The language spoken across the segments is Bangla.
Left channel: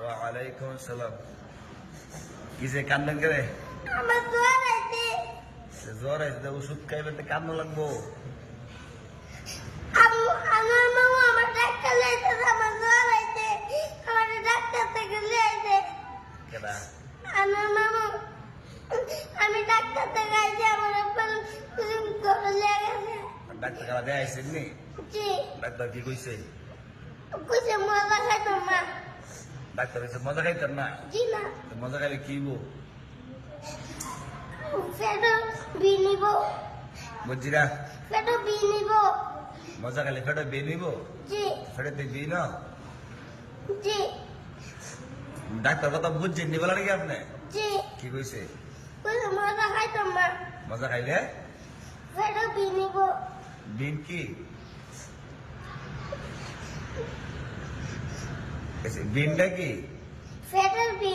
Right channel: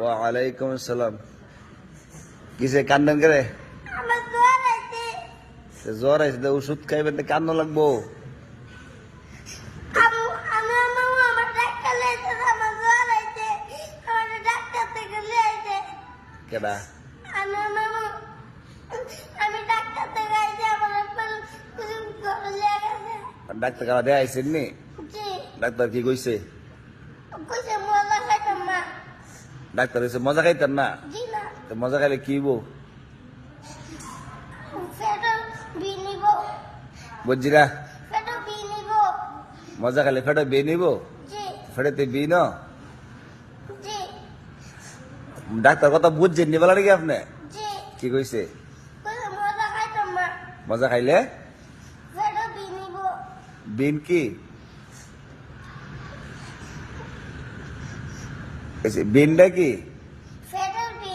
ওয়ালাইকুম আসসালাম। কিসে কান্দেন করে? আমার জ্বর আছে। জ্বর আছে, ওষুধ খাইবেন, কান্না লাগবো। আমার মামা আমার ডাক্তার লাইতেছে, আমার জ্বর আছে, আমার ডাক্তার থেকে লিয়েছে। কেডা? আমার মামা, আমি ডাক্তার থেকে আইছি, আমার জ্বর লেগেছে। ডাক্তার খাওয়া দেয়া আইসেন নি? জি। ডাক্তার কি কইছে? কইছে মজা খাইতাম না। ডাক্তার কইছে মজা খাইতেন না? জি না। তো মজা খাইলে কি হইব? ফেটো বি নিব। বুঝছি না? ফেটো বি নিব। মজা খাইলে ফেটে বে নিব? জি। ফেটেতে বি ন? জি। ডাক্তার কথা বুঝছেন নি বলা নাকি আপনি? জি। কি কইছে? কইছে মজা খাইতাম না। মজা খাইলে ফেটো বি নিব। বিন কি? বিনটা কি? ফেটো বি।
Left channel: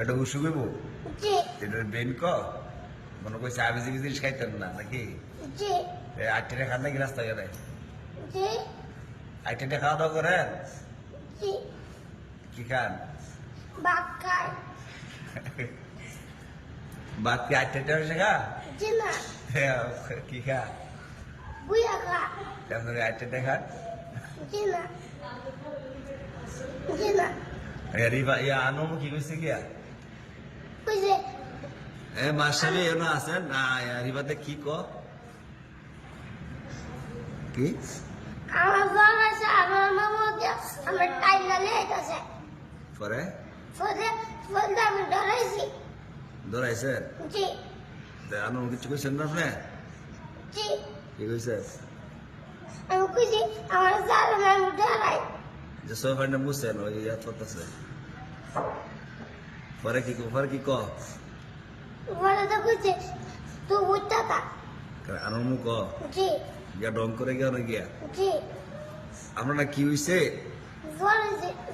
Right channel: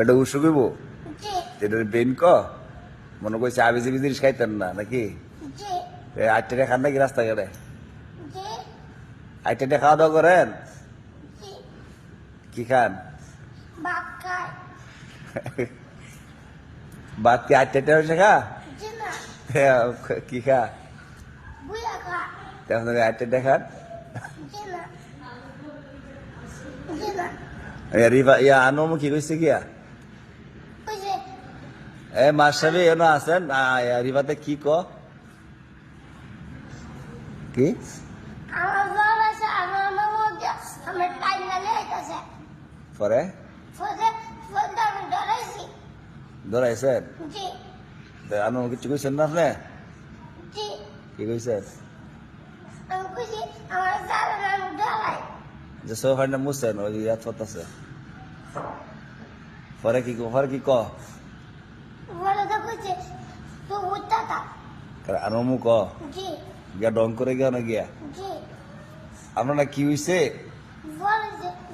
এটা উসুক হইব? জি। এটা বিন ক? মনে করছে আবি জিবি জিনিস খাইতেন না নাকি? জি। আটটা খান নাকি রাস্তাঘাটে? জি। আটটা খাওয়া দাওয়া করেন? জি। কি খান? ভাত খাই। বাদ কি আটটা হয়েছে খা? জি না। কি খা? বুয়া খা। কেমন আটটা খান? জি না। জি না। রিবা ইয়া আনোমুখী কইছে গিয়া কইছে এ মাস্টারি এনো আছেন রিবাতে কি ক? কি আমার জ্বর আছে, আমার মামা দিয়ে আমার টাইকা লেগেছে। পরে ফলে ফলে আমি ডরাইছি। ধরাইছেন? জি। আনো কিছু কইছেন না আপনি? জি। কি কইছেন? আমি কইছি আমার জ্বর আছে, আমি ডরাই। যে সোফানে মুছেন ওই ইয়াদ করতেছে। পরে কি ক? বলে তো কইছে তুই উঠতা থাক। আনোমু ক? জি। গিয়া দম করে গিয়া না গিয়া জি। আপনার না কি হইছে?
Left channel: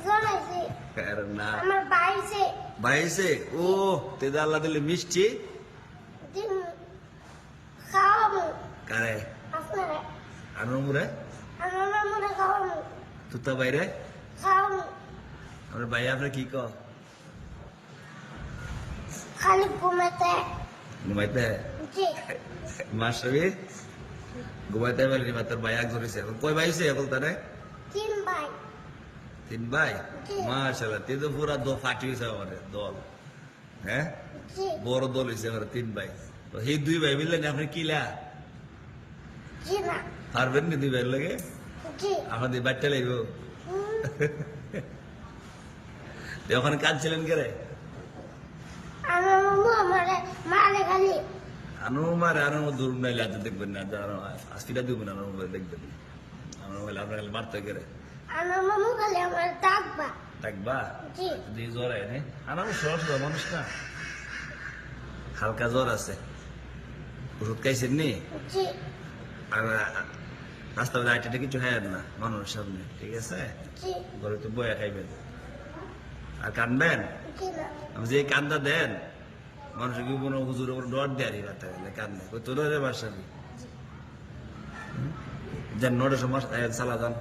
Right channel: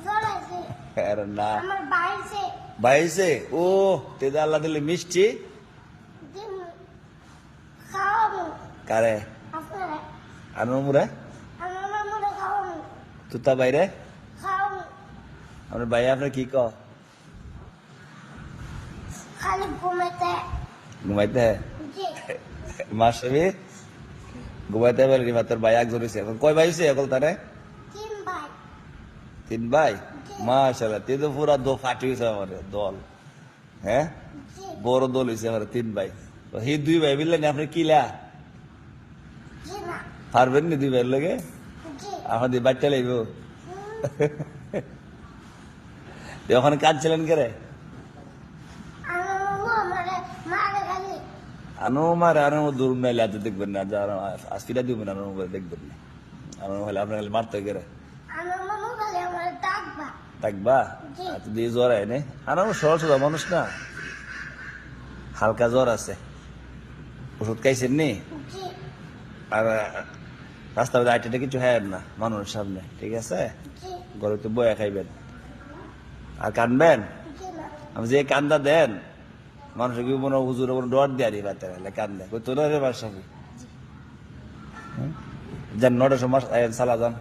জ্বর আছে। আরে না আমার বাইছে। বাইছে ও তেদা আল্লাহ দিলে মিষ্টি জি। খাওয়াবো কারে? আপনারা। আনোমুরা আমার মামারা খাওয়াবো। তুতা বাইরে খাওয়াবো। আপনার বাইরে আপনি কি ক? খালি ঘুমাতে। ঘুমাইতে জি। মাস্টারি ঘুমাইতে পারবি না তোর ভাই একজন হয়েছে এখন কয় ভাই হয়েছে এখন তারে? 3 ভাই। 3 ভাই? জি। মাশাআল্লাহ তুই তো পুরা ফাটি হয়েছে আমাদের দল, হ্যাঁ জি। বড় দল হয়েছে আমার 3 ভাই। তো এই 2 ভাই মিললেন আপনি কিলা জি না। পারবেন না 2 ভাইয়ের লগে? জি। এখন দিয়ে বাচ্চা লাগব হুম। ওখানে কাঁদছিলেন করে? আমার মামু আমারে মারে খালি। আনো দূর মেয়ে যাতে দেখবেন না, যারা আস্তিটা দিবেন আনো করে দেখবেন আনো হলে আপনার মারতে গেলে আমার মামু খালি আমার ডাকবা। থাকবা জি। দিয়ে জ্বর আয় নে আনো সহজ সোজা মানুষ না, হালকা জ্বর আছে, ওষুধ খাইছেন নি? জি। আর রাস্তার মধ্যে আইটা কিছু খাইবেন না মানুষের সামনে, ঠিক আছে? জি। ঘরে তো বয়া খাইবেন আর কানবেন। জি না। আমি যে কান্দা দেন মানুষের কি মনে হুজুর ওপর ডর দিয়ে আরি বাতে গেলে কান্দে কই তোর বাসাবি যান নটা সময় সালা যান।